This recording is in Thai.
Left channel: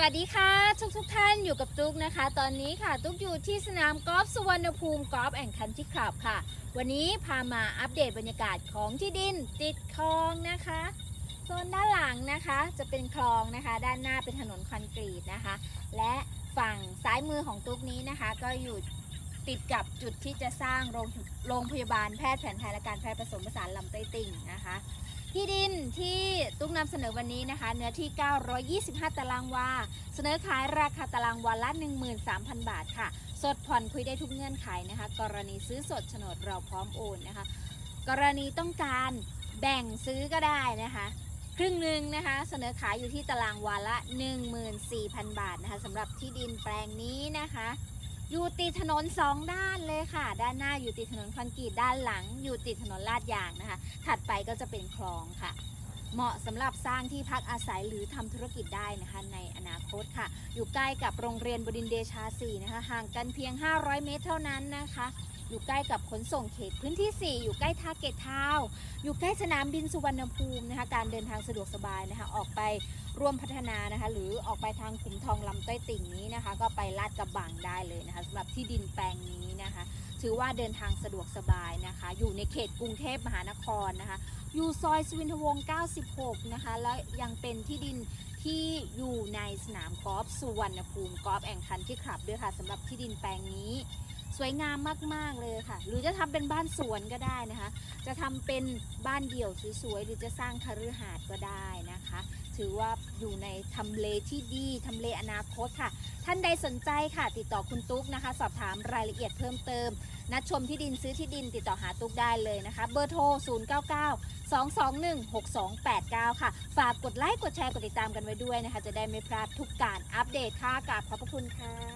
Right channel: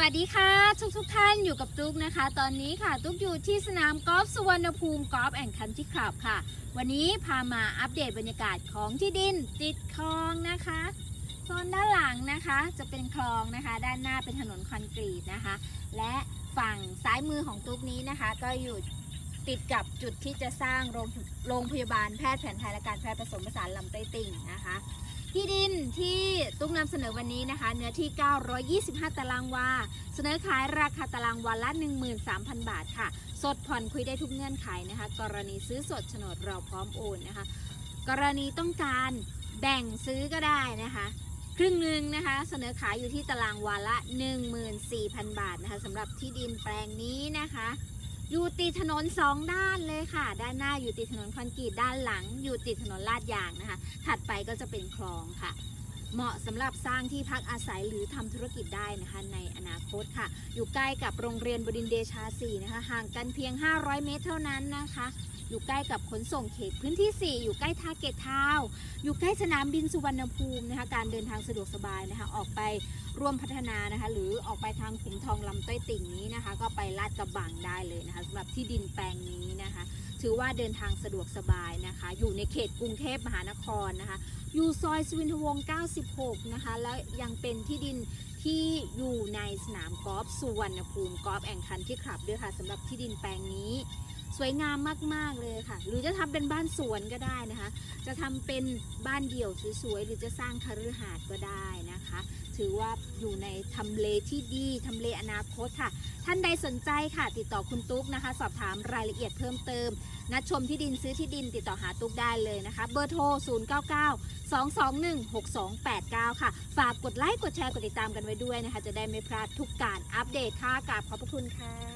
วัสดีค่ะ ทุกทุกท่านอยู่กับตุ๊กนะคะ ตอนนี้ค่ะ ตุ๊กอยู่ที่สนามกอล์ฟสุวรรณภูมิกอล์ฟแอนด์คันทรีคลับค่ะ วันนี้พามาอัปเดตบรรยากาศของที่ดินติดคลองนะคะโซนด้านหลังนะคะจะเป็นคลองนะคะ ด้านหน้าเป็นถนนคอนกรีตนะคะ และฝั่งซ้ายมือของตุ๊กนี้นะคะ ก็อยู่ติดกับจุดที่จะสร้างโรงโรงพยาบาลแพทย์แผนไทยและการแพทย์ผสมผสานลำไต้ติ่งนะคะ ที่ดินที่ ตุ๊กนำเสนอวันนี้นะคะ เนื้อที่ 925 ตารางวา เสนอขายราคาตารางวาละ 13,000 บาทค่ะ สดผ่อนคุยได้ทุกเงื่อนไขนะคะ กรณีซื้อสดโฉนดเราพร้อมโอนนะคะ กรณีต้องการแบ่งซื้อก็ได้นะคะครึ่งหนึ่งนะคะเสนอขายอยู่ที่ตารางวาละ 14,000 บาทนะคะสำหรับที่ดินแปลงนี้นะคะ อยู่ติดถนนสองด้านเลยค่ะ ด้านหน้าอยู่ติดถนนคอนกรีตด้านหลัง อยู่ติดถนนลาดยางนะคะ ถัดไปก็จะเป็นคลองค่ะ เหมาะสำหรับสร้างที่พักอาศัยหรือทำธุรกิจได้นะคะในอนาคตค่ะ อยู่ใกล้กับโรงเรียนบดินเดชาสีนะคะห่างกันเพียง 500 เมตรเท่านั้นนะคะอยู่ใกล้กับขนส่งเขตพื้นที่ 4 อยู่ใกล้ท่าเกตทาวอยู่ใกล้สนามบินสุวรรณภูมินะคะการเดินทางสะดวกสบายนะคะออกไปร่วมพัฒนานะคะหรือออกไปทางขุมทองลำต้อยติ่งนี้นะคะ ก็ไปลาดกระบังได้เลยนะคะสำหรับที่ดินแปลงนี้นะคะ ถือว่าเดินทางสะดวกสบายนะคะ อยู่ในเขตกรุงเทพมหานครนะคะ อยู่ซอยสุวินทวงศ์96 นะคะ และยังเป็นที่ดินที่อยู่ในสนามกอล์ฟสุวรรณภูมิกอล์ฟแองคันที่ขับด้วยค่ะสำหรับที่ดินแปลงนี้ สวยงามมากๆเลยค่ะ หรือจะทำเป็นบ้านสวนก็ได้นะคะ จะทำเป็นบ้านเดี่ยวสวยๆหรือจะสร้างคฤหาสน์ก็ได้นะคะ ถือว่าอยู่ในทำเลที่ดีทำเลอนาคตค่ะ ท่านใดสนใจค่ะ ติดต่อคุณตุ๊กนะคะ สอบถามรายละเอียดเพิ่มเติม นัดชมที่ดินซื้อที่ดินติดต่อหาตุ๊กได้เลยนะคะ เบอร์โทร 099 221 6289 ค่ะ ฝากกดไลค์ กดแชร์ กดติดตามกันไว้ด้วยนะคะ จะได้ไม่พลาดทุกการอัปเดตค่ะกราบขอบพระคุณค่ะ